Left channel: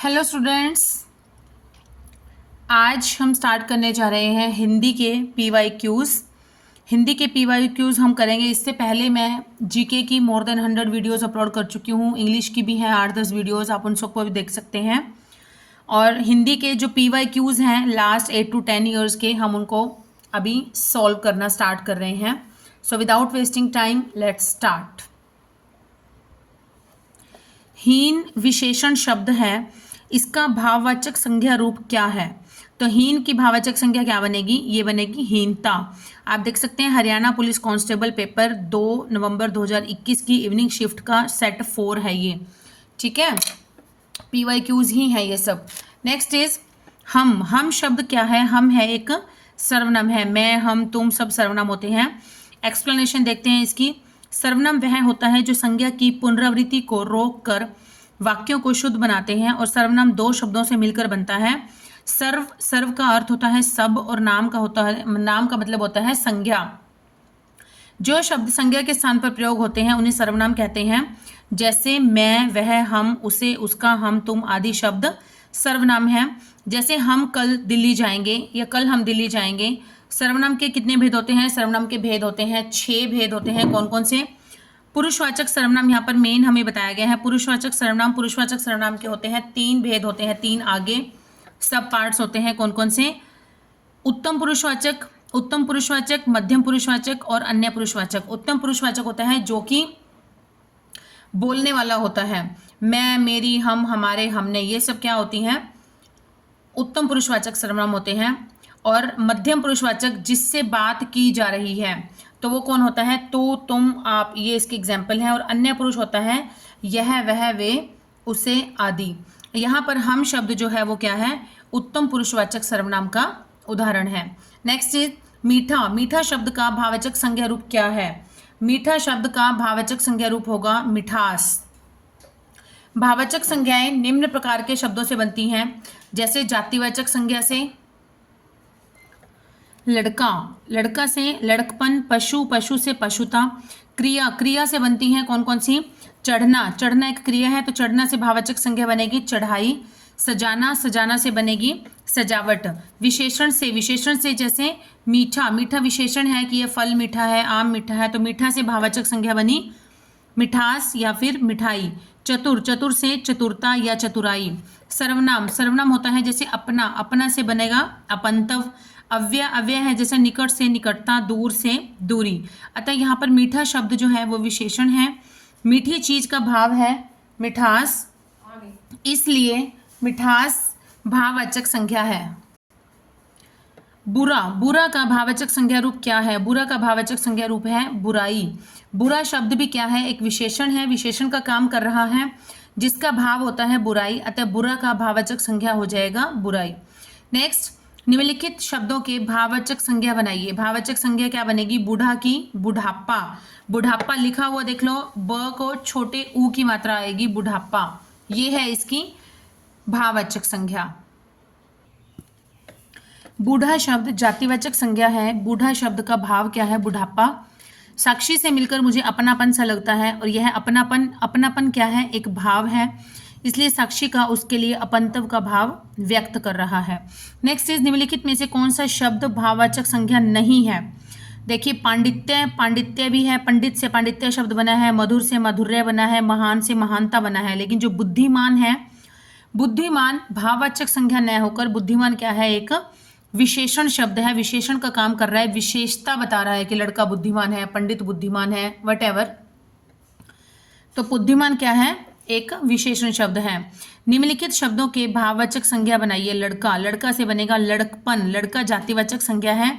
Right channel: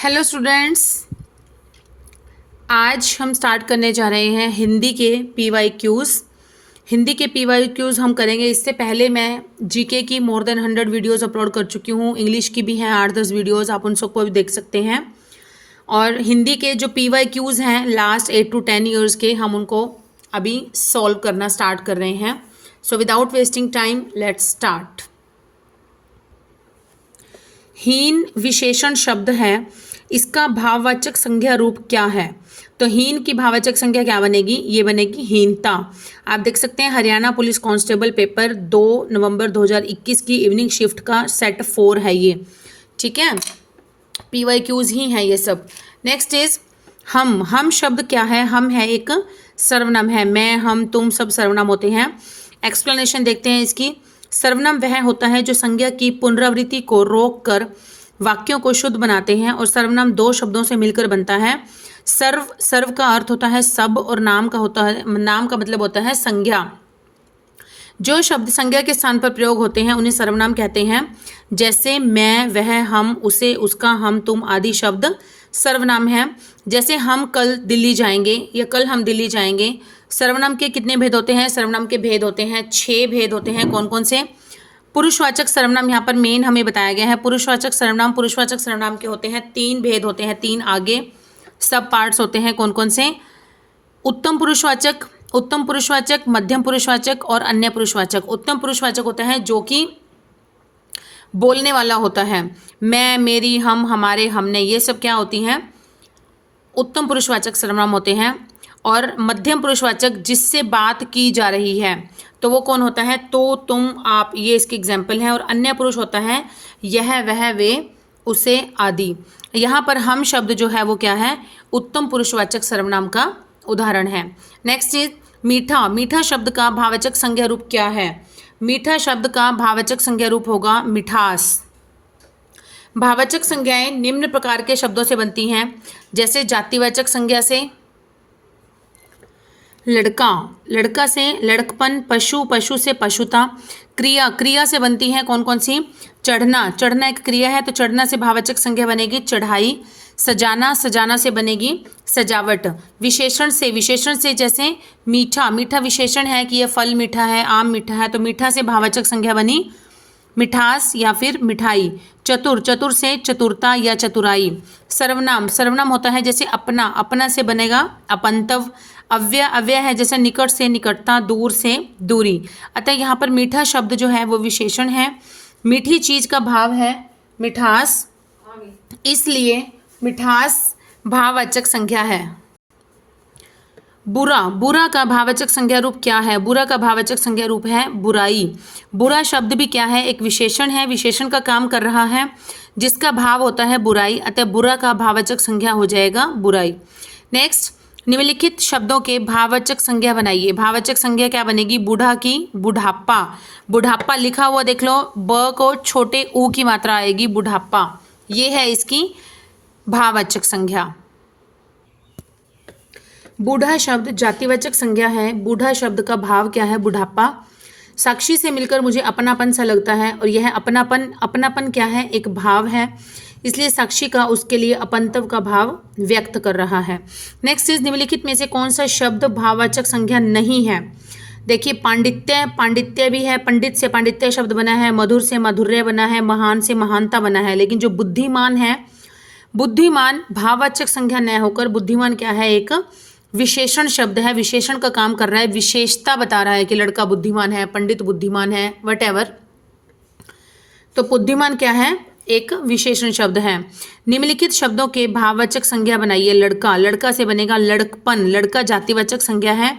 Hello students, आज हम start करने जा रहे हैं हिंदी के पीवाईक्यूज़। हिंदी के पीवाईक्यूज़ हम करेंगे। इससे पहले मैं जीके की मोर देन 100 वीडियोस अपलोड कर चुकी हूँ। इंग्लिश की भी हैं 8-10 वीडियोस, आप उन सबको भी देख सकते हैं। और हिंदी के जो पीवाईक्यूज़ हैं लास्ट 8 to 10 ईयर्स के, हम उनको अभी सॉल्व करना स्टार्ट कर रहे हैं। So without wasting time let's start. हीन विशेषण शब्द है, इसका भाववाचक संज्ञा रूप क्या है? तो हीन की भाववाचक संज्ञा क्या बनेगी? ये बनेगी हीनता। आप देख सकते हैं हरियाणा पुलिस कांस्टेबल पेपर 2 नवंबर 2021 की इवनिंग शिफ्ट का सेट 4 है ये। ठीक है, पीवाईक्यूज ही है ये सब। नेक्स्ट इज हम शब्द क्या है? हम है एक सर्वनाम है। मैं, हम, तुम सब सर्वनाम होते हैं। एक्सप्लेनेशन देखते हैं इसकी। सर्वनाम वह होता है जो संज्ञा की पुनरावृत्ति को रोक कर वाक्यों को शुद्ध बनाते हैं, और सर्वनाम दो शब्दों से मिलकर बनता है। सर्व का अर्थ होता है सब, और नाम का मतलब होता है संज्ञा। जो शब्द संज्ञा के स्थान पर प्रयोग होते हैं उन्हें सर्वनाम कहते हैं। जैसे मैं, वह, हम, उसे, उसका, हम, तुम आदि शब्द सर्वनाम हैं। जैसे हम कल दिल्ली जाएंगे या कल हम दिल्ली जाएंगे। सर्वनाम के कितने भेद होते हैं? सर्वनाम के भेद होते हैं 6 भेद होते हैं। कौन कौन से? पुरुषवाचक सर्वनाम यहाँ पर मेन हमें बताया गया है। पुरुषवाचक सर्वनाम के होते हैं 3 भेद होते हैं, 3 आगे सब पार्ट्स होते हैं। कौन कौन से? उत्तम पुरुषवाचक, मध्यम पुरुषवाचक और अन्य पुरुषवाचक। उत्तम पुरुषवाचक होता है जो कि बोलने वाला होता है। मैं, मेरी, हम, हमारे, हमने, ये सब क्या होती हैं? उत्तम पुरुषवाचक सर्वनाम होते हैं। और मध्यम पुरुषवाचक जिससे बात की जा रही है, तो वो कौन होता है? तो, तुम, आप, ये इसके एग्जाम्पल हैं। और अन्य पुरुष होता है यह, वह, वे, उसे आदि। यहाँ पर हम शब्द जो है वो क्या है? उत्तम पुरुषवाचक सर्वनाम का उदाहरण है। नेक्स्ट इज मीठा शब्द का भाववाचक संज्ञा रूप क्या है? मीठा शब्द का भाववाचक संज्ञा रूप होगा मिठास। भाववाचक संज्ञाएं निम्न प्रकार के शब्दों से बनती हैं। जैसे जातिवाचक संज्ञा से लड़का से लड़कपन, पशु से पशुता। क्रिया से बनती है कौन कौन सी? चढ़ना एक क्रिया है, तो चढ़ना से भाववाचक संज्ञा बनेगी चढ़ाई। सजाना से बनेगी सजावट। विशेषण से जैसे मीठा विशेषण है कि यह फल मीठा है, आम मीठा है, तो मीठा से भाववाचक संज्ञा बनी मिठास या फिर मिठाई। चतुर से चतुरता या चतुराई। सर्वनाम होता है जैसे अपना से बनेगा अपंतव। अव्यय है जैसे निकट से निकटता, दूर से दूरी। अतः यहाँ पर मीठा शब्द जो है वो विशेषण है। मीठी चीज का भाव है मिठास, इसलिए मिठास भाववाचक संज्ञा है। बुरा का भाववाचक संज्ञा रूप क्या है? बुरा का भाववाचक संज्ञा रूप है बुराई। बुरा शब्द भी क्या है? एक विशेषण है। विशेषण का काम कर रहा है जिसका भाव होता है बुराई, अतः बुरा का भाववाचक संज्ञा हो जाएगा बुराई। नेक्स्ट, निम्नलिखित शब्दों के भाववाचक संज्ञा बनाइए। भाववाचक संज्ञा क्या बनेगी? बूढ़ा की बुढ़ापा लिखा हुआ देख लो, ब को छोटे ऊ की मात्रा आएगी, बुढ़ापा। ये है इसकी भाववाचक संज्ञा। बूढ़ा शब्द जातिवाचक संज्ञा है। बूढ़ा शब्द का भाव क्या है? बुढ़ापा। साक्षी से मिलकर मुझे अपनापन सा लगता है, और यह अपनापन क्या है? एक भाव है, इसलिए साक्षी का उसके लिए अपंतव का भाव व्यक्त कर रहा है। नेक्स्ट इज निम्नलिखित में से कौन सा शब्द भाववाचक संज्ञा नहीं है? देखिए, पांडित्य भी है, पंडित से पांडित्य शब्द बना है, मधुर से माधुर्य बना है, महान से महानता बना है। लेकिन जो बुद्धिमान है, बुद्धिमान भाववाचक संज्ञा न होकर बुद्धिमान क्या है? एक विशेषण शब्द है। विशेषण का काम कर रहा है, विशेषता बता रहा है कि लड़का बुद्धिमान है, पंडित बुद्धिमान है, वटेवर। तो बुद्धिमान क्या है? एक विशेषण शब्द है। निम्नलिखित शब्दों के भाववाचक संज्ञा बनाइए। लड़का से बनेगा लड़कपन। लड़का जातिवाचक संज्ञा है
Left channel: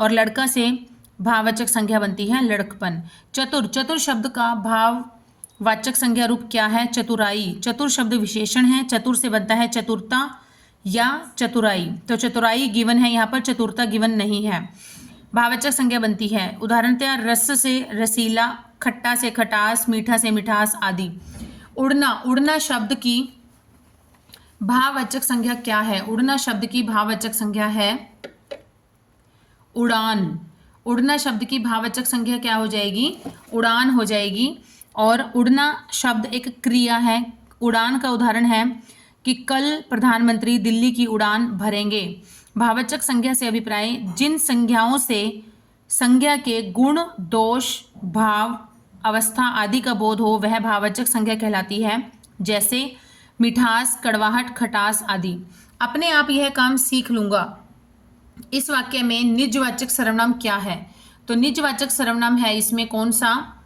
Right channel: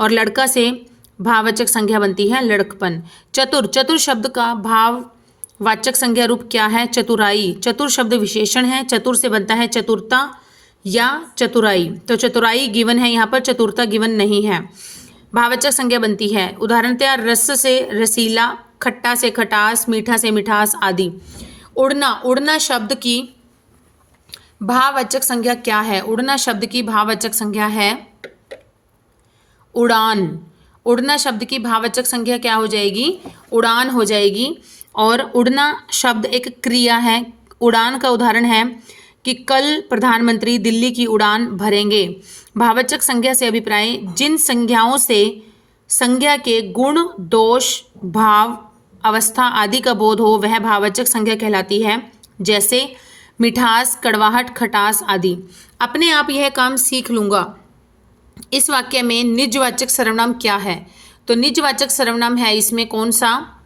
और लड़का से भाववाचक संज्ञा बनती है लड़कपन। चतुर शब्द का भाववाचक संज्ञा रूप क्या है? चतुराई। चतुर शब्द विशेषण है, चतुर से बनता है चतुरता या चतुराई। तो चतुराई गिवन है यहाँ पर, चतुरता गिवन नहीं है। भाववाचक संज्ञा बनती है उदाहरणतया रस से रसीला, खट्टा से खटास, मीठा से मिठास आदि। उड़ना शब्द की भाववाचक संज्ञा क्या है? उड़ना शब्द की भाववाचक संज्ञा है उड़ान। उड़ना शब्द की भाववाचक संज्ञा क्या हो जाएगी? उड़ान हो जाएगी। और उड़ना शब्द एक क्रिया है। उड़ान का उदाहरण है कि कल प्रधानमंत्री दिल्ली की उड़ान भरेंगे। भाववाचक संज्ञा से अभिप्राय, जिन संज्ञाओं से संज्ञा के गुण, दोष, भाव, अवस्था आदि का बोध हो वह भाववाचक संज्ञा कहलाती है, जैसे मिठास, कड़वाहट, खटास आदि। अपने आप यह काम सीख लूंगा, इस वाक्य में निजवाचक सर्वनाम क्या है? तो निजवाचक सर्वनाम है इसमें कौन सा?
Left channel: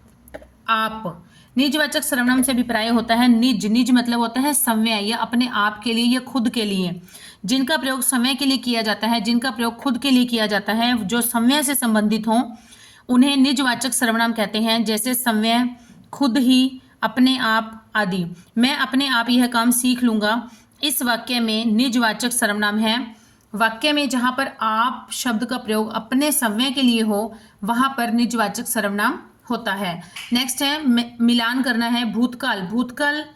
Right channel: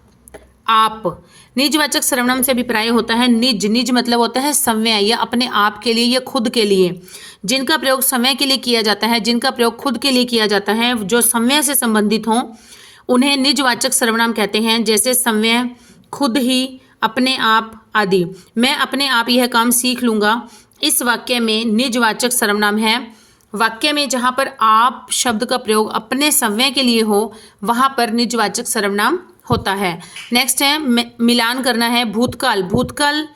आप। निजवाचक सर्वनाम से अभिप्राय होता है निज। निज मतलब होता है संव्यय, या अपने आप के लिए या खुद के लिए। जिनका प्रयोग संव्यय के लिए किया जाता है, जिनका प्रयोग खुद के लिए किया जाता है, जो संव्यय से संबंधित हों, उन्हें निजवाचक सर्वनाम कहते हैं, जैसे संव्यय, खुद ही, अपने आप आदि। मैं अपने आप यह काम सीख लूंगा, इस वाक्य में निजवाचक सर्वनाम है। वाक्य में जहाँ पर आप शब्द का प्रयोग अपने संव्यय के लिए हो वहाँ पर निजवाचक सर्वनाम होता है। नेक्स्ट है मिलान करना है। भूतकाल। भूतकाल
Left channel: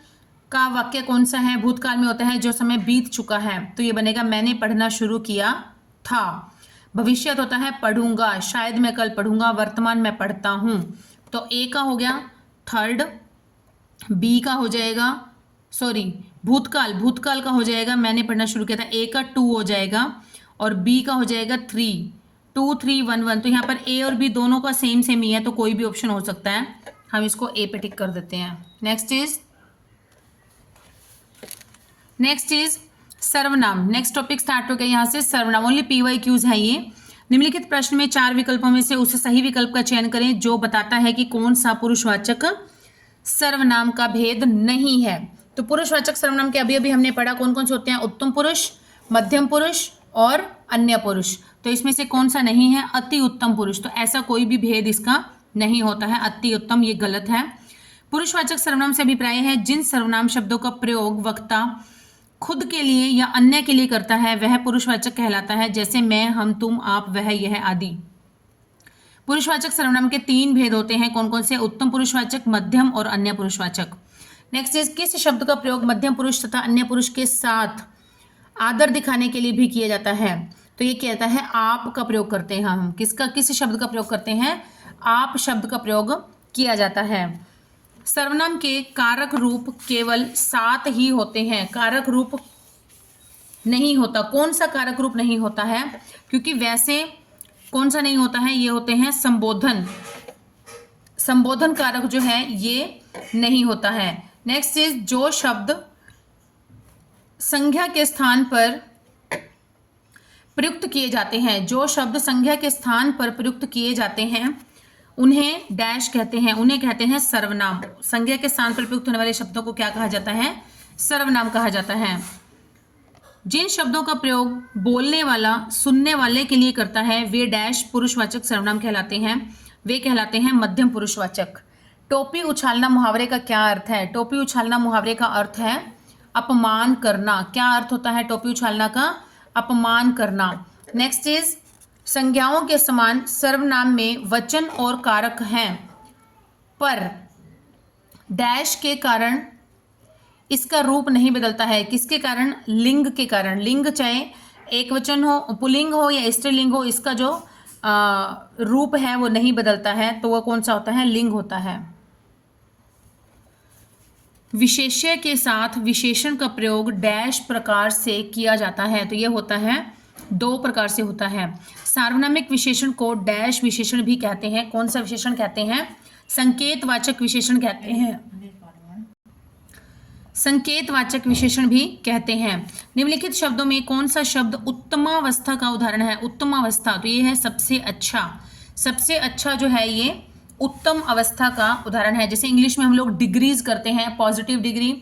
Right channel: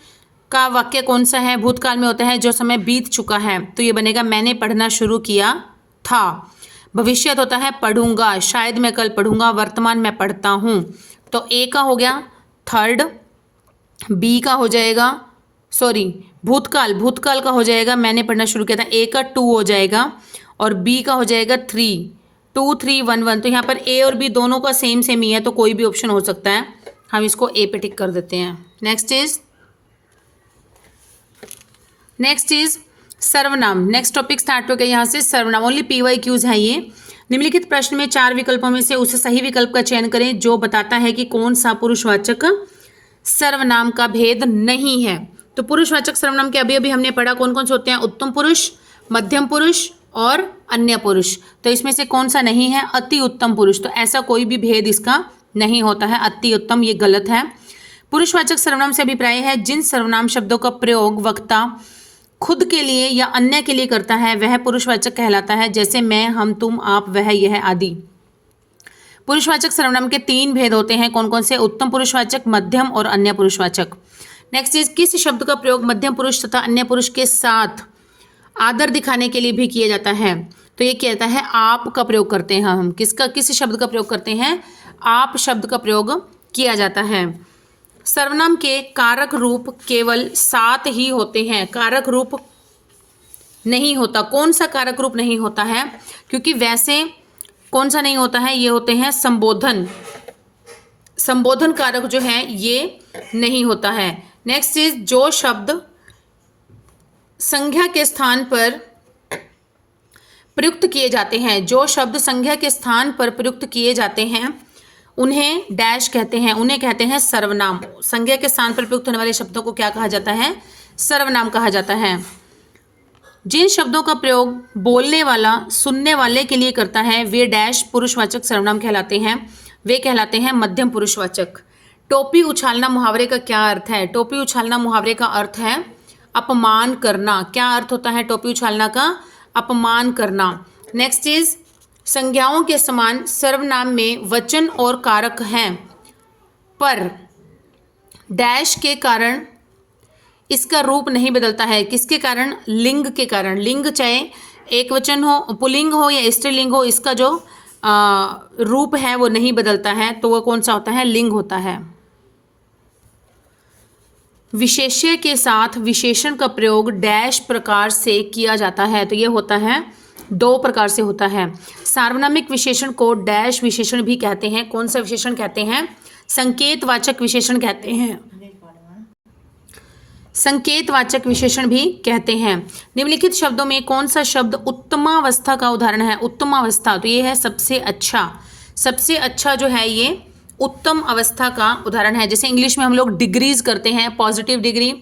का वाक्य कौन सा है? भूतकाल में होता है जो समय बीत चुका है, तो ये बनेगा मैंने पढ़ना शुरू किया था। भविष्यत होता है पढ़ूंगा, शायद मैं कल पढ़ूंगा। वर्तमान में पढ़ता हूँ, तो ए का हो गया थर्ड, बी का हो जाएगा भूतकाल। भूतकाल का हो जाएगा मैंने पढ़ना शुरू किया था, ए का 2 हो जाएगा और बी का हो जाएगा 3, 2 3 1 1। तो यहाँ पर ए और बी दोनों का सेम सेम ही है, तो कोई भी ऑप्शन हो सकता है। हम इसको ए पे टिक कर देते हैं। नेक्स्ट इज सर्वनाम। नेक्स्ट टॉपिक स्टार्ट हो गया यहाँ से सर्वनाम। ओनली PYQs है ये। निम्नलिखित प्रश्न में 4 विकल्पों में से उस सही विकल्प का चयन करें जो बताता है कि कौन सा पुरुषवाचक सर्वनाम का भेद नहीं है। तो पुरुषवाचक सर्वनाम के अभी हमने पढ़ा कौन कौन से होते हैं? उत्तम पुरुष, मध्यम पुरुष और अन्य पुरुष। तो इसमें से कौन सा नहीं है? अति उत्तम पुरुष। तो ऐसा कोई भी भेद इसका नहीं होता है। अति उत्तम ये गलत है। पुरुषवाचक सर्वनाम से अभिप्राय है जिन सर्वनाम शब्दों का प्रयोग वक्ता खुद के लिए या अन्य के लिए करता है वह पुरुषवाचक कहलाता है, जैसे मैं, हम, तुम, आप, वह, यह आदि। पुरुषवाचक सर्वनाम के 3 भेद होते हैं। कौन कौन से? उत्तम पुरुषवाचक, मध्यम और अन्य पुरुषवाचक। नेक्स्ट इज किस शब्द का प्रयोग मध्यम पुरुष तथा अन्य पुरुष के साथ आदर दिखाने के लिए भी किया जाता है? तो ये कहता है आप का प्रयोग करते हैं हम। किस शब्द का प्रयोग करते हैं? आप शब्द का प्रयोग किया जाता है। सर्वनाम के कारक रूप केवल 7 ही होते हैं, कारक रूप नहीं होता। कौन सा कारक रूप नहीं होता है? क्योंकि वैसे कौन सा नहीं होता है? ये होते हैं संबोधन। संबोधन कारक जो है ये नहीं होता है। नेक्स्ट इज जो शब्द संज्ञा के स्थान पर प्रयुक्त किए जाते हैं, जो शब्द संज्ञा के स्थान पर प्रयुक्त किए जाते हैं उन्हें डैश कहते हैं, उन्हें कहते हैं सर्वनाम। संज्ञा के स्थान पर प्रयुक्त होने वाले शब्दों को क्या कहा जाता है? सर्वनाम कहा जाता है। जिन शब्दों का प्रयोग बोलने वाला सुनने वाले के लिए करता है वे डैश पुरुषवाचक सर्वनाम कहलाते हैं, वे कहलाते हैं मध्यम पुरुषवाचक। टोपी उछालना मुहावरे का क्या अर्थ है? टोपी उछालना मुहावरे का अर्थ है अपमान करना। क्या अर्थ होता है टोपी उछालना का? अपमान करना। नेक्स्ट इज संज्ञाओं के समान सर्वनाम में वचन और कारक हैं, पर डैश के कारण इसका रूप नहीं बदलता है। किसके कारण? लिंग के कारण। लिंग चाहे एक वचन हो, पुल्लिंग हो या स्त्रीलिंग हो, इसका जो रूप है वो नहीं बदलता है, तो वह कौन सा होता है? लिंग होता है। विशेष्य के साथ विशेषण का प्रयोग डैश प्रकार से किया जाता है, तो यह होता है 2 प्रकार से होता है। सार्वनामिक विशेषण को डैश विशेषण भी कहते हैं। कौन सा विशेषण कहते हैं? संकेतवाचक विशेषण कहते हैं। संकेतवाचक विशेषण भी कहते हैं। निम्नलिखित शब्दों में कौन सा शब्द उत्तमावस्था का उदाहरण है? उत्तमावस्था, तो ये है सबसे अच्छा। सबसे अच्छा जो है ये उत्तम अवस्था का उदाहरण है। जैसे इंग्लिश में हम लोग डिग्रीज करते हैं, positive degree,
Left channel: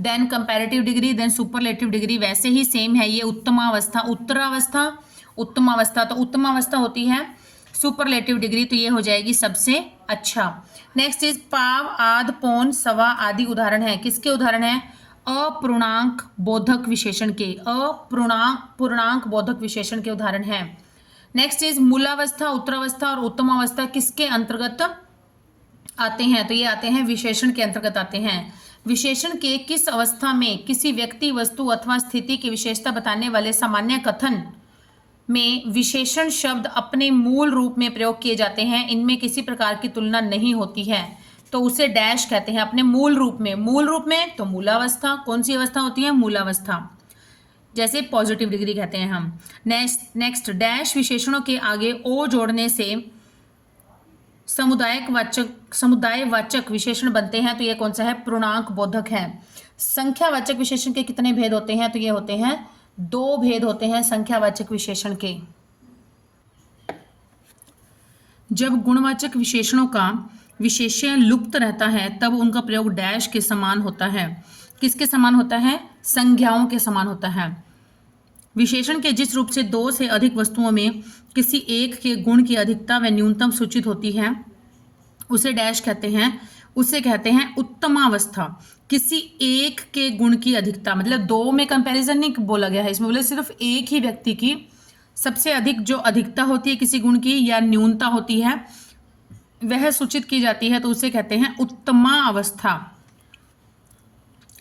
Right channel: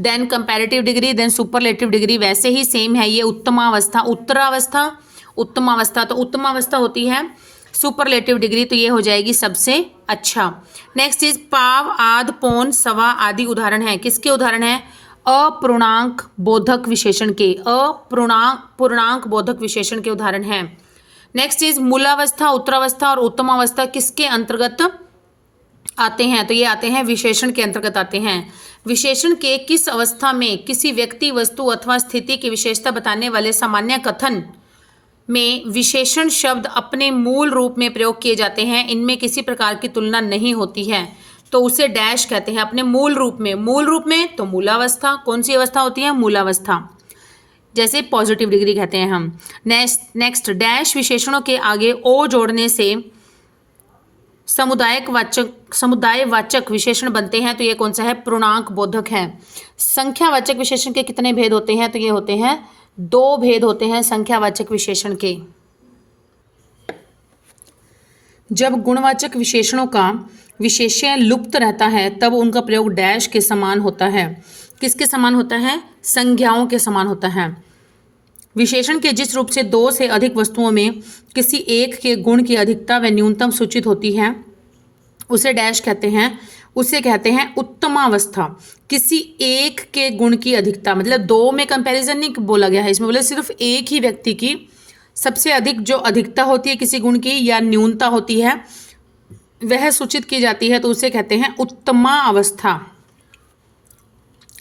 then comparative degree, then superlative degree, वैसे ही सेम है ये उत्तमावस्था। उत्तरावस्था, उत्तमावस्था, तो उत्तमावस्था होती है सुपरलेटिव डिग्री, तो ये हो जाएगी सबसे अच्छा। नेक्स्ट इज पाव, आध, पौन, सवा आदि उदाहरण है। किसके उदाहरण है? अपूर्णांक बोधक विशेषण के। पूर्णांक बोधक विशेषण के उदाहरण है। नेक्स्ट इज मूलावस्था, उत्तरावस्था और उत्तमावस्था किसके अंतर्गत आते हैं? तो ये आते हैं विशेषण के अंतर्गत आते हैं। विशेषण के किस अवस्था में किसी व्यक्ति, वस्तु अथवा स्थिति की विशेषता बताने वाले सामान्य कथन में विशेषण शब्द अपने मूल रूप में प्रयोग किए जाते हैं, इनमें किसी प्रकार की तुलना नहीं होती है। तो उसे डैश कहते हैं अपने मूल रूप में। मूल रूप में तो मूलावस्था, कौन सी अवस्था होती है? मूलावस्था, जैसे पॉजिटिव डिग्री कहते हैं हम। नेक्स्ट डैश विशेषणों के आगे ओ जोड़ने से समुदायवाचक विशेषण बनते हैं, तो ये कौन सा है? पूर्णांक बोधक है। संख्यावाचक विशेषण के कितने भेद होते हैं? तो ये होते हैं 2 भेद होते हैं संख्यावाचक विशेषण के। जब गुणवाचक विशेषणों का विशेष्य लुप्त रहता है तब उनका प्रयोग डैश के समान होता है। किसके समान होता है? संज्ञाओं के समान होता है। विशेषण के जिस रूप से 2 से अधिक वस्तुओं में किसी एक के गुण की अधिकता व न्यूनतम सूचित होती है उसे डैश कहते हैं। उसे कहते हैं उत्तमावस्था। किसी एक के गुण की अधिकता, मतलब 2 में कंपैरिजन नहीं बोला गया है, इसमें बोले सिर्फ एक ही व्यक्ति की सबसे अधिक जो अधिकता होती है किसी गुण की या न्यूनता होती है वह सूचित की जाती है, तो उसे कहते हैं उत्तमा अवस्था,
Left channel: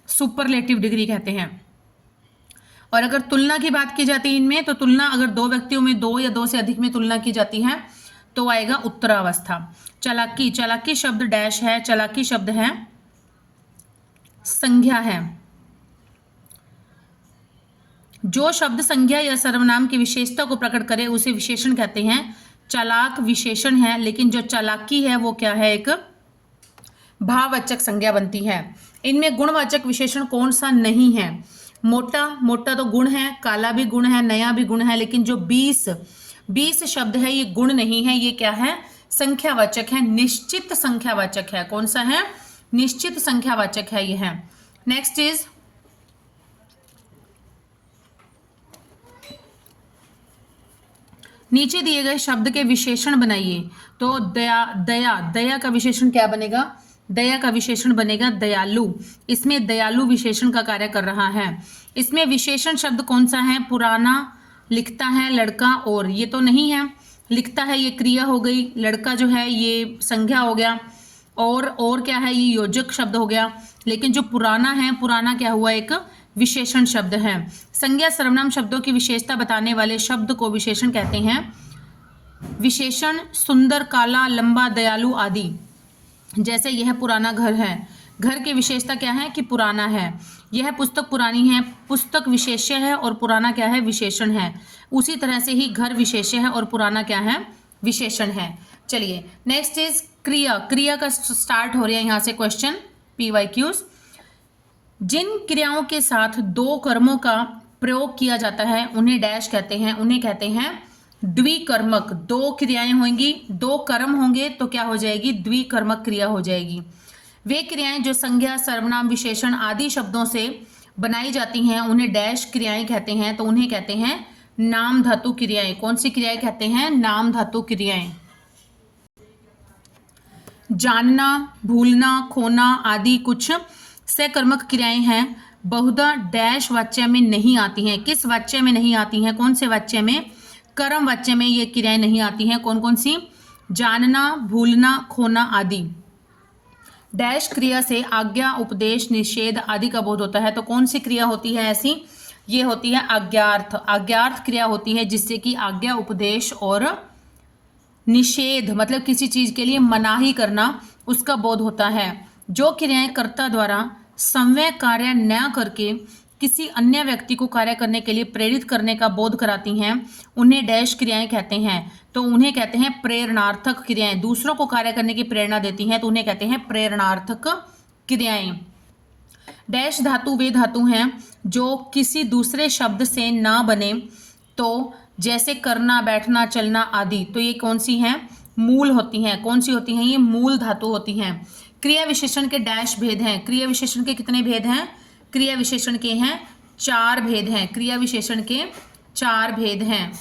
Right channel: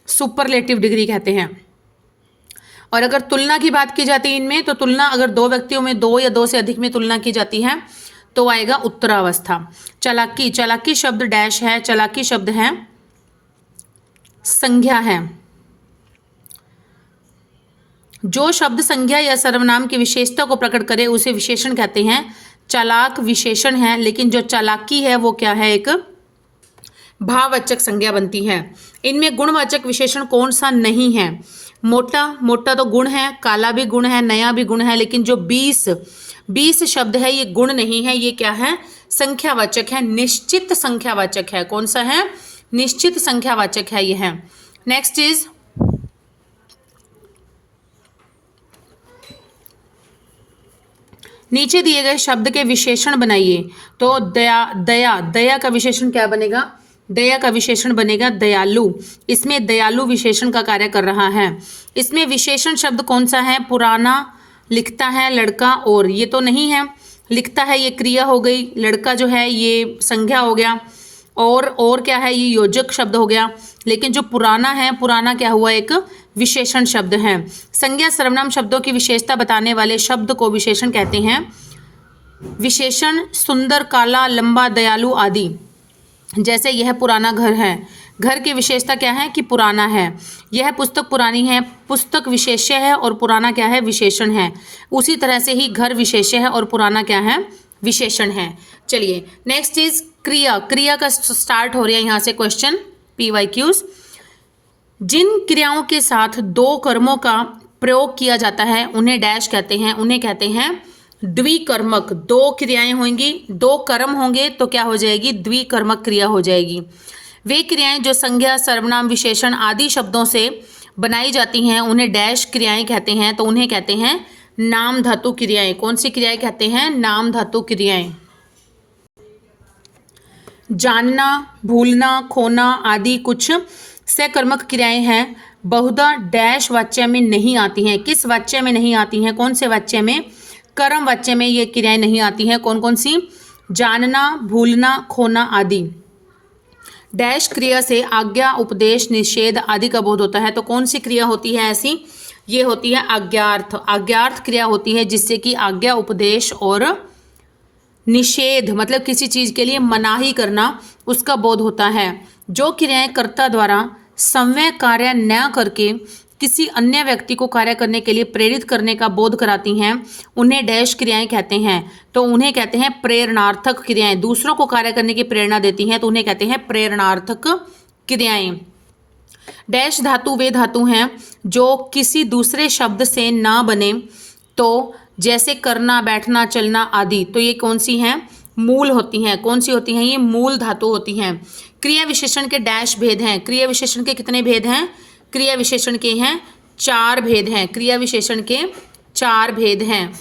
सुपरलेटिव डिग्री कहते हैं। और अगर तुलना की बात की जाती है इनमें, तो तुलना अगर 2 व्यक्तियों में 2 या 2 से अधिक में तुलना की जाती है तो आएगा उत्तरावस्था। चालाकी, चालाकी शब्द डैश है, चालाकी शब्द है संज्ञा है। जो शब्द संज्ञा या सर्वनाम की विशेषता को प्रकट करे उसे विशेषण कहते हैं। चालाक विशेषण है, लेकिन जो चालाकी है वो क्या है? एक भाववाचक संज्ञा बनती है। इनमें गुणवाचक विशेषण कौन सा नहीं है? मोटा, मोटा तो गुण है, काला भी गुण है, नया भी गुण है, लेकिन जो 20 शब्द है ये गुण नहीं है, ये क्या है? संख्यावाचक है, निश्चित संख्यावाचक है। कौन सा है? निश्चित संख्यावाचक है ये है। नेक्स्ट इज नीचे दिए गए शब्द के विशेषण बनाइए। तो दया, दया, दया का विशेषण क्या बनेगा? दया का विशेषण बनेगा दयालु। इसमें दयालु विशेषण का कार्य कर रहा है। इसमें विशेषण शब्द कौन सा है? पुराना, लिखता है, लड़का, और ये तो नहीं है। लिखता है ये क्रिया हो गई, लड़का जो है ये संज्ञा हो गया, और क्या है? ये योजक शब्द हो गया। लेकिन जो पुराना है, पुराना क्या हुआ? एक विशेषण शब्द है। संज्ञा सर्वनाम शब्दों की विशेषता बताने वाले शब्द को विशेषण कहते हैं। विशेषण सुंदर, काला, लंबा, दयालु आदि। जैसे यह पुराना घर है, घर की विशेषता क्या है? कि पुराना है। यह पुस्तक पुरानी है, पुस्तक विशेष्य है और पुराना क्या है? विशेषण है। उसी तरह से ही घर विशेष्य है और पुराना क्या है? विशेषण है। चलिए नेक्स्ट इज क्रिया। क्रिया का स्टार्ट हो रहा है यहाँ से क्वेश्चन PYQs। जिन क्रियाओं के साथ 2 कर्मों का प्रयोग किया जाता है उन्हें डैश कहते हैं। उन्हें कहते हैं द्विकर्मक। 2 क्रियाएं होंगी, 2 कर्म होंगे तो क्या हो जाएगी? द्विकर्मक क्रिया हो जाएगी। वे क्रियाएं जो संज्ञा, सर्वनाम, विशेषण आदि शब्दों से बनाई जाती हैं उन्हें डैश क्रियाएं कहते हैं। तो उन्हें कहते हैं नाम धातु क्रियाएं। कौन सी क्रियाएं कहते हैं? नाम धातु क्रियाएं। जानना, भूलना, खोना आदि कुछ सकर्मक क्रियाएं हैं, बहुधा डैश वाच्य में नहीं आती हैं। किस वाच्य में नहीं आती हैं? कौन से वाच्य में? कर्म वाच्य में ये क्रियाएं नहीं आती हैं। कौन कौन सी? जानना, भूलना, खोना आदि। डैश क्रिया से आज्ञा, उपदेश, निषेध आदि का बोध होता है। तो कौन सी क्रिया होती है ऐसी? ये होती है आज्ञार्थ। आज्ञार्थ क्रिया होती है जिससे कि आज्ञा, उपदेश और निषेध, मतलब किसी चीज के लिए मनाही करना, उसका बोध होता है। जो क्रियाएं कर्ता द्वारा संवय कार्य न करके किसी अन्य व्यक्ति को कार्य करने के लिए प्रेरित करने का बोध कराती हैं उन्हें डैश क्रियाएं कहते हैं। तो उन्हें कहते हैं प्रेरणार्थक क्रियाएं। दूसरों को कार्य करने की प्रेरणा देती हैं तो उन्हें कहते हैं प्रेरणार्थक क्रियाएं। डैश धातु वे धातु हैं जो किसी दूसरे शब्द से ना बने, तो जैसे करना, बैठना, चलना आदि। तो ये कौन सी हैं? मूल होती हैं। कौन सी होती हैं? ये मूल धातु होती हैं। क्रिया विशेषण के डैश भेद हैं। क्रिया विशेषण के कितने भेद हैं? क्रिया विशेषण के हैं 4 भेद हैं। क्रिया विशेषण के 4 भेद हैं।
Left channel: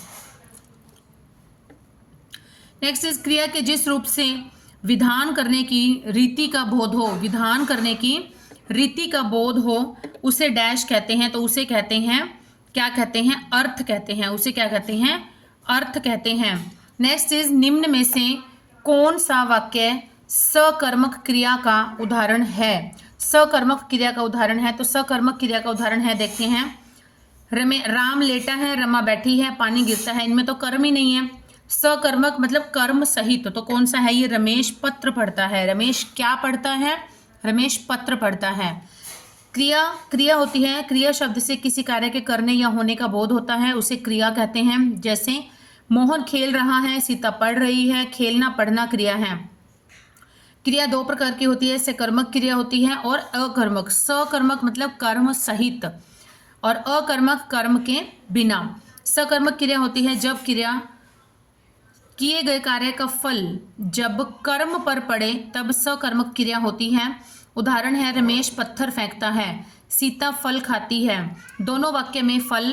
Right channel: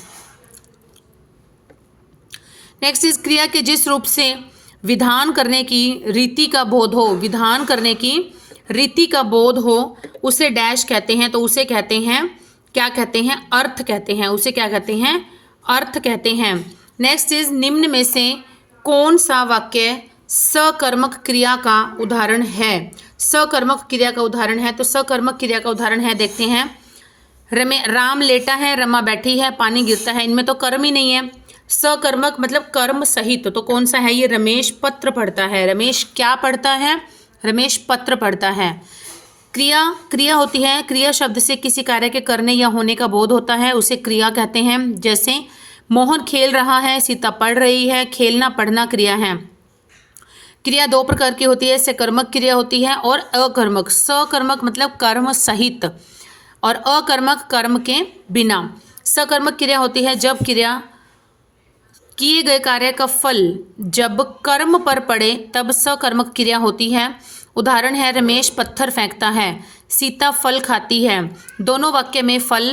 नेक्स्ट इज क्रिया के जिस रूप से विधान करने की रीति का बोध हो, विधान करने की रीति का बोध हो उसे डैश कहते हैं। तो उसे कहते हैं, क्या कहते हैं? अर्थ कहते हैं। उसे क्या कहते हैं? अर्थ कहते हैं। नेक्स्ट इज निम्न में से कौन सा वाक्य सकर्मक क्रिया का उदाहरण है? सकर्मक क्रिया का उदाहरण है, तो सकर्मक क्रिया का उदाहरण है, देखते हैं। राम लेटा है, रमा बैठी है, पानी गिरता है। इनमें तो कर्म ही नहीं है। सकर्मक मतलब कर्म सहित, तो कौन सा है ये? रमेश पत्र पढ़ता है। रमेश क्या पढ़ता है? रमेश पत्र पढ़ता है। क्रिया, क्रिया होती है, क्रिया शब्द से किसी कार्य के करने या होने का बोध होता है, उसे क्रिया कहते हैं। जैसे मोहन खेल रहा है, सीता पढ़ रही है। खेलना पढ़ना क्रिया है। क्रिया दो प्रकार की होती है, सकर्मक क्रिया होती है और अकर्मक। सकर्मक मतलब कर्म सहित और अकर्मक कर्म के बिना। सकर्मक क्रिया होती है जब क्रिया किए गए कार्य का फल जब कर्म पर पड़े तब सकर्मक क्रिया होती है। उदाहरण है रमेश पत्थर फेंकता है, सीता फल खाती है। दोनों वाक्य में फल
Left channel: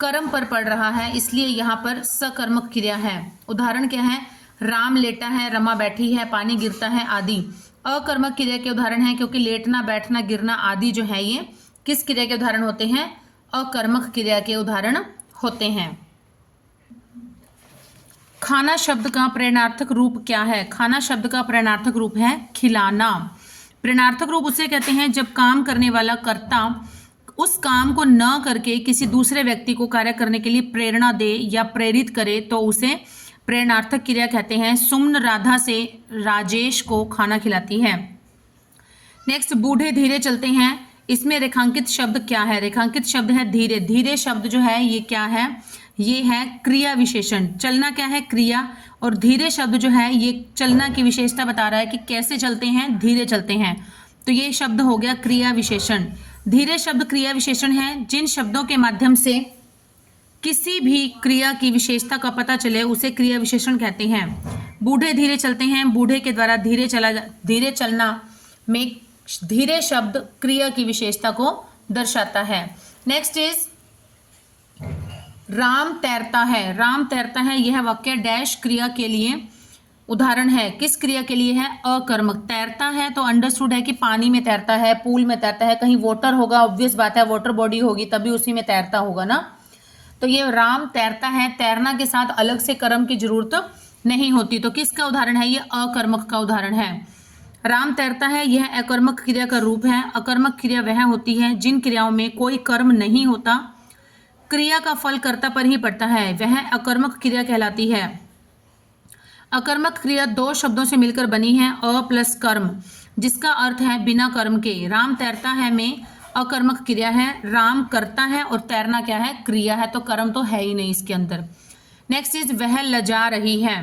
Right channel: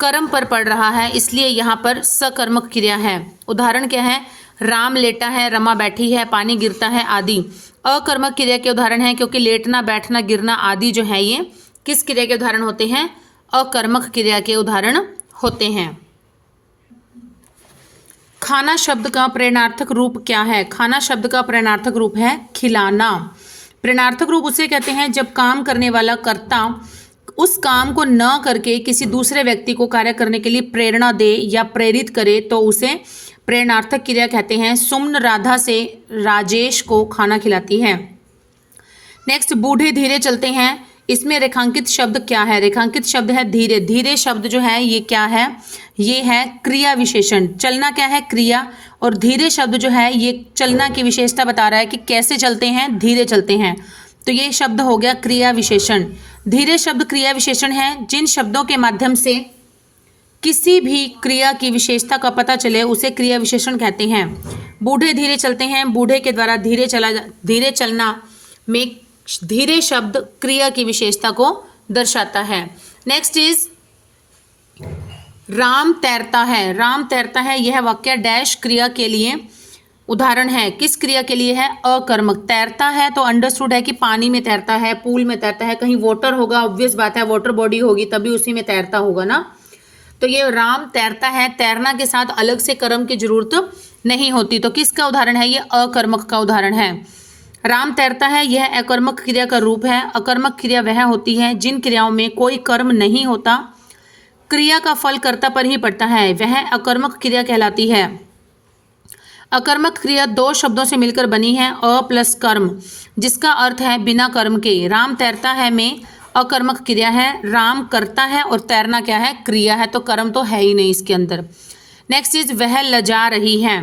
कर्म पर पड़ रहा है, इसलिए यहाँ पर सकर्मक क्रिया है। उदाहरण क्या है? राम लेटा है, रमा बैठी है, पानी गिरता है आदि। अकर्मक क्रिया के उदाहरण है, क्योंकि लेटना बैठना गिरना आदि जो है ये किस क्रिया के उदाहरण होते हैं? अकर्मक क्रिया के उदाहरण होते हैं। खाना शब्द का प्रेरणार्थक रूप क्या है? खाना शब्द का प्रेरणार्थक रूप है खिलाना। प्रेरणार्थक रूप उसे कहते हैं जब काम करने वाला कर्ता उस काम को न करके किसी दूसरे व्यक्ति को कार्य करने के लिए प्रेरणा दे या प्रेरित करे तो उसे प्रेरणार्थक क्रिया कहते हैं। सुमन राधा से राजेश को खाना खिलाती है। नेक्स्ट, बूढ़े धीरे चलते हैं। इसमें रेखांकित शब्द क्या है? रेखांकित शब्द है धीरे। धीरे शब्द जो है ये क्या है? ये है क्रिया विशेषण। चलना क्या है? क्रिया। और धीरे शब्द जो है ये चलना की विशेषता बता रहा है कि कैसे चलते हैं, धीरे चलते हैं। तो ये शब्द हो गया क्रिया विशेषण। धीरे शब्द क्रिया विशेषण है जिन शब्दों के माध्यम से किसी भी क्रिया की विशेषता का पता चले उसे क्रिया विशेषण कहते हैं। बूढ़े धीरे चलते हैं, बूढ़े के द्वारा धीरे चलना में धीरे शब्द क्रिया की विशेषता को दर्शाता है। नेक्स्ट इज राम तैरता है। राम तैरता है यह वाक्य डैश क्रिया के लिए उदाहरण है। किस क्रिया के लिए है? अकर्मक। तैरता है तो अंडरस्टूड है कि पानी में तैरता है, पूल में तैरता है, कहीं वाटर होगा, ऑब्वियस बात है वाटर बॉडी होगी तभी उसी में तैरता होगा ना। तो ये राम तैरता है, तैरना के साथ अलग से कर्म की जरूरत नहीं होती। तो किसका उदाहरण है? ये अकर्मक का उदाहरण है। राम तैरता है यह अकर्मक क्रिया का रूप है। अकर्मक क्रिया वह होती है जिन क्रियाओं में कोई कर्म नहीं होता, क्रिया का फल कर्ता पर ही पड़ता है, वह अकर्मक क्रिया कहलाती है। अकर्मक क्रिया दो शब्दों से मिलकर बनी है, अ प्लस कर्म, जिसका अर्थ है बिना कर्म के। राम तैरता है में अकर्मक क्रिया है, राम करता है और तैरना क्या है? क्रिया है, तो कर्म तो है ही नहीं इसके अंदर। नेक्स्ट इज वह लजा रही है।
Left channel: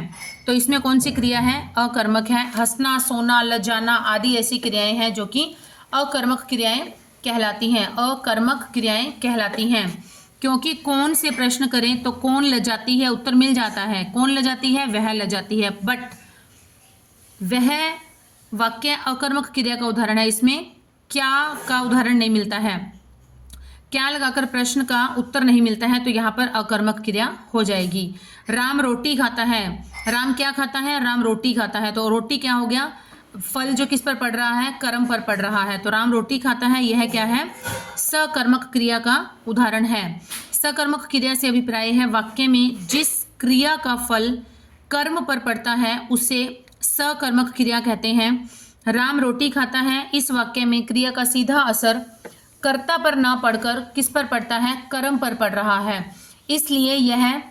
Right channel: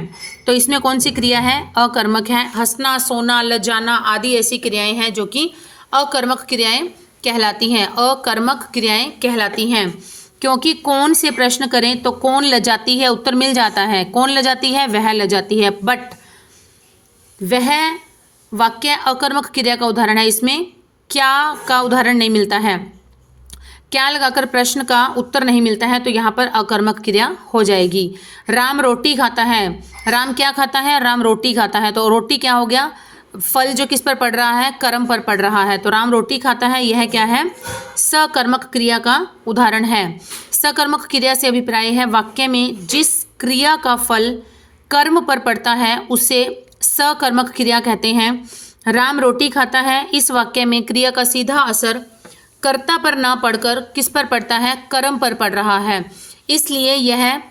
तो इसमें कौन सी क्रिया है? अकर्मक है। हंसना, सोना, लजाना आदि ऐसी क्रियाएं हैं जो कि अकर्मक क्रियाएं कहलाती हैं। अकर्मक क्रियाएं कहलाती हैं क्योंकि कौन से प्रश्न करें तो कौन लजाती है उत्तर मिल जाता है। कौन लजाती है? वह लजाती है। बट वह वाक्य अकर्मक क्रिया का उदाहरण है, इसमें क्या का उदाहरण नहीं मिलता है। क्या लगाकर प्रश्न का उत्तर नहीं मिलता है तो यहाँ पर अकर्मक क्रिया हो जाएगी। राम रोटी खाता है। राम क्या खाता है? राम रोटी खाता है। तो रोटी क्या हो गया? फल जो किस पर पड़ रहा है? कर्म पर पड़ रहा है। तो राम रोटी खाता है यह क्या है? सकर्मक क्रिया का उदाहरण है। सकर्मक क्रिया से अभिप्राय है वाक्य में जिस क्रिया का फल कर्म पर पड़ता है उसे सकर्मक क्रिया कहते हैं। राम रोटी खाता है इस वाक्य में क्रिया का सीधा असर कर्ता पर न पड़कर किस पर पड़ता है? कर्म पर पड़ रहा है, इसलिए यह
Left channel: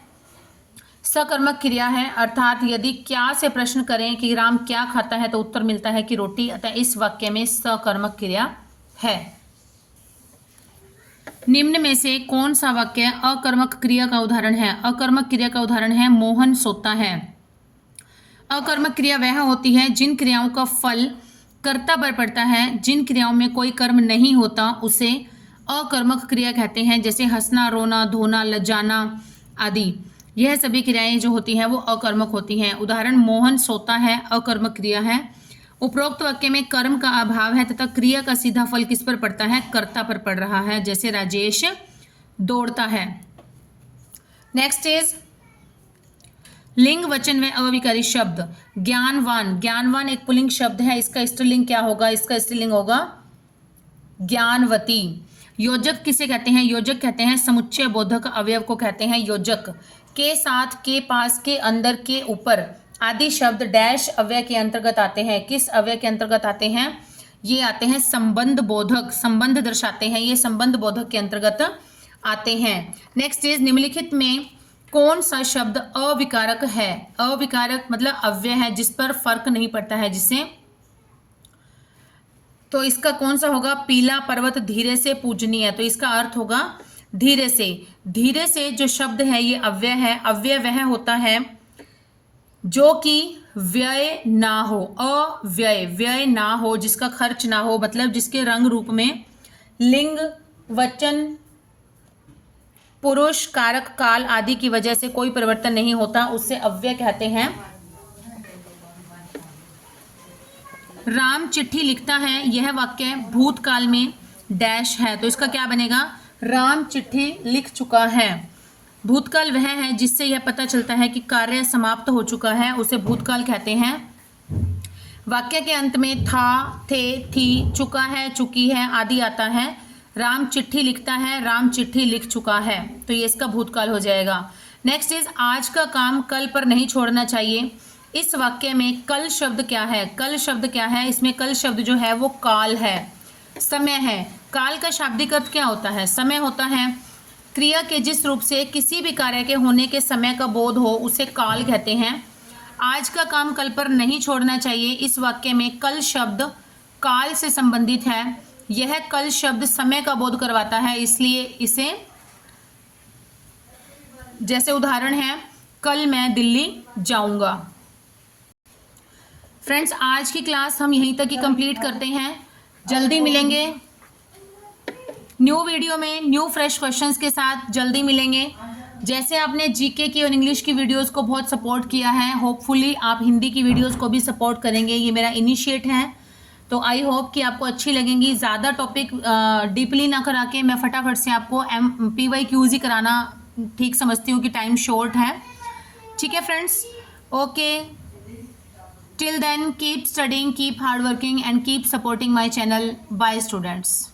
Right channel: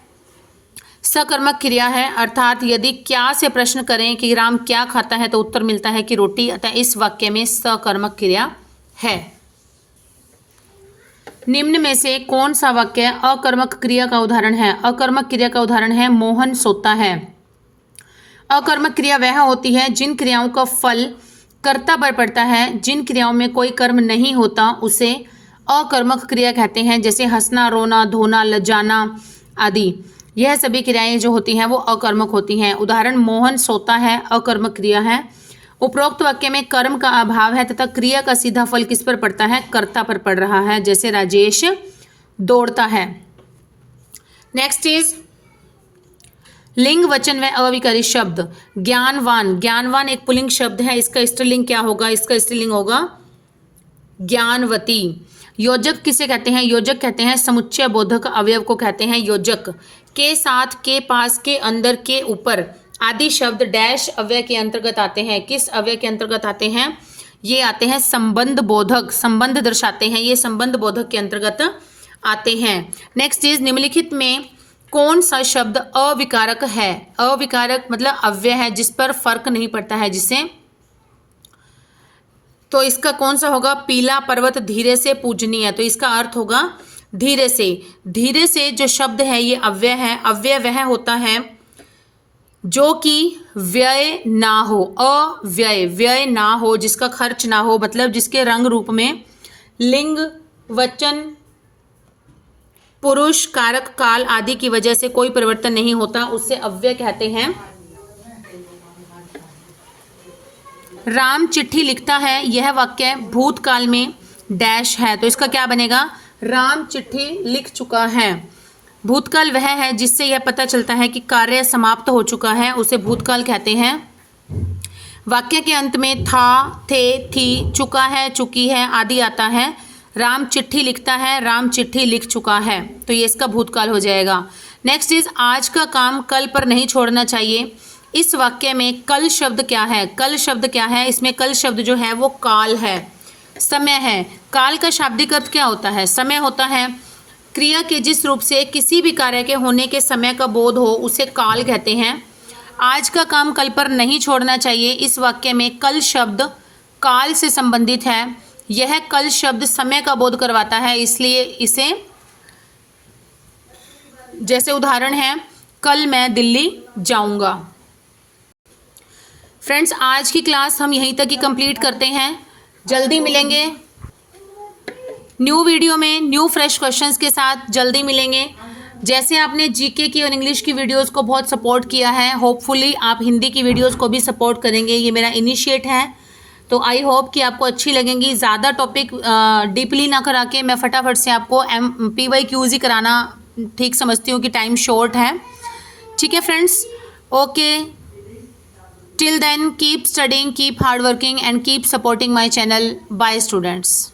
सकर्मक क्रिया है। अर्थात यदि क्या से प्रश्न करें कि राम क्या खाता है तो उत्तर मिलता है कि रोटी, अतः इस वाक्य में सकर्मक क्रिया है। निम्न में से कौन सा वाक्य अकर्मक क्रिया का उदाहरण है? अकर्मक क्रिया का उदाहरण है मोहन सोता है। अकर्मक क्रिया वह होती है जिन क्रियाओं का फल कर्ता पर पड़ता है। जिन क्रियाओं में कोई कर्म नहीं होता उसे अकर्मक क्रिया कहते हैं, जैसे हंसना, रोना, धोना, लजाना आदि। यह सभी क्रियाएं जो होती हैं वो अकर्मक होती हैं। उदाहरण मोहन सोता है अकर्मक क्रिया है। उपरोक्त वाक्य में कर्म का अभाव है तथा क्रिया का सीधा फल किस पर पड़ता है? कर्ता पर पड़ रहा है, जैसे राजेश दौड़ता है। नेक्स्ट इज लिंग, वचन व अविकारी शब्द। ज्ञानवान। ज्ञानवान एक पुल्लिंग शब्द है, इसका स्त्रीलिंग क्या होगा? इसका स्त्रीलिंग होगा ज्ञानवती। योजक किसे कहते हैं? योजक कहते हैं समुच्चय बोधक अवयव को कहते हैं योजक। के साथ, के पास, के अंदर, के ऊपर आदि शब्द डैश अव्यय के अंतर्गत आते हैं। किस अव्यय के अंतर्गत आते हैं? ये आते हैं संबंध बोधक, संबंध दर्शाते हैं, ये संबंध बोधक के अंतर्गत आते हैं। नेक्स्ट इज निम्नलिखित में कौन सा शब्द अविकारक है? अविकारक मतलब अव्यय है, जिस पर फर्क नहीं पड़ता है, जिसे, तो इसका कौन सा होगा? पीला पर्वत धीरे से पूजनीय है, तो इसका अर्थ होगा धीरे से। धीरे से जो शब्द है ये अव्यय है। अव्यय वह होता है जो कि व्यय ना हो, अव्यय, व्यय ना हो, जिसका खर्च ना हो, मतलब जिसके रंग रूप में लिंग, वचन, पुरुष, कारक, काल आदि की वजह से कोई परिवर्तन नहीं होता, उससे अव्यय कहते हैं। राम चिट्ठी लिखता है, यह वाक्य भूतकाल में डैश है, तो इसका क्या बनेगा? राम चिट्ठी लिख चुका है। भूतकाल वह है जिससे यह पता चलता है कि कार्य समाप्त हो चुका है, उसे भूतकाल कहते हैं। वाक्य के अंत में था, थे, थी, चुका है, चुकी है आदि आता है। राम चिट्ठी लिखता है, राम चिट्ठी लिख चुका है, तो ये इसका भूतकाल हो जाएगा। नेक्स्ट इज आज का काम कल पर नहीं छोड़ना चाहिए। इस वाक्य में कल शब्द क्या है? कल शब्द क्या है? इसमें कल शब्द जो है वो काल है, समय है। काल का शाब्दिक अर्थ क्या होता है? समय होता है। क्रिया के जिस रूप से किसी भी कार्य के होने के समय का बोध हो उसे काल कहते हैं। आज का काम कल पर नहीं छोड़ना चाहिए, इस वाक्य में कल शब्द काल से संबंधित है। यह कल शब्द समय का बोध करवाता है, इसलिए इसे, जैसे उदाहरण है कल मैं दिल्ली जाऊंगा। फ्रेंड्स, आज की क्लास हम यहीं तक ही कंप्लीट करते हैं। जल्दी मिलेंगे न्यू वीडियो में, न्यू फ्रेश क्वेश्चंस के साथ जल्दी मिलेंगे। जैसे आपने जीके की और इंग्लिश की वीडियोस को बहुत सपोर्ट किया है, होपफुली आप हिंदी की वीडियोस को भी सपोर्ट करेंगे। ये मेरा इनिशिएट है, तो आई होप कि आपको अच्छी लगेंगी। ज़्यादा टॉपिक डीपली ना करा के मैं फटाफट से आपको PYQs ही कराना ठीक समझती हूँ कि टाइम शॉर्ट है। ठीक है friends, okay, till then keep studying, keep hard working and keep supporting my channel. Bye students.